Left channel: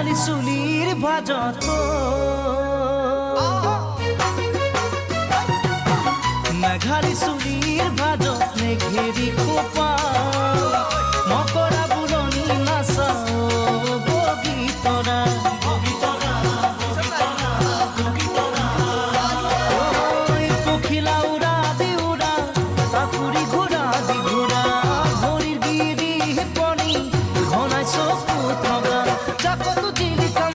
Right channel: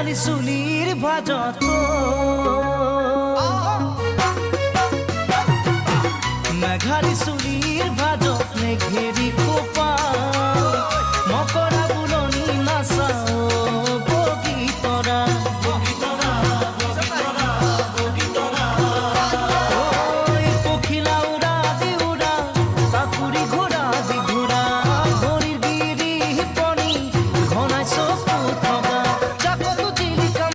মেঘালি চুলির ভাজত মেঘালি চুলির ভাজত মেঘেরি খোপা মকৰা বুলনি নাচাও বগীতৰা পখিলা উড়া দি উড়া তাকুৰি ঘোৰা দি ঘোৰা ভৰিৰ গিৰি পনি ঘনাই চোখ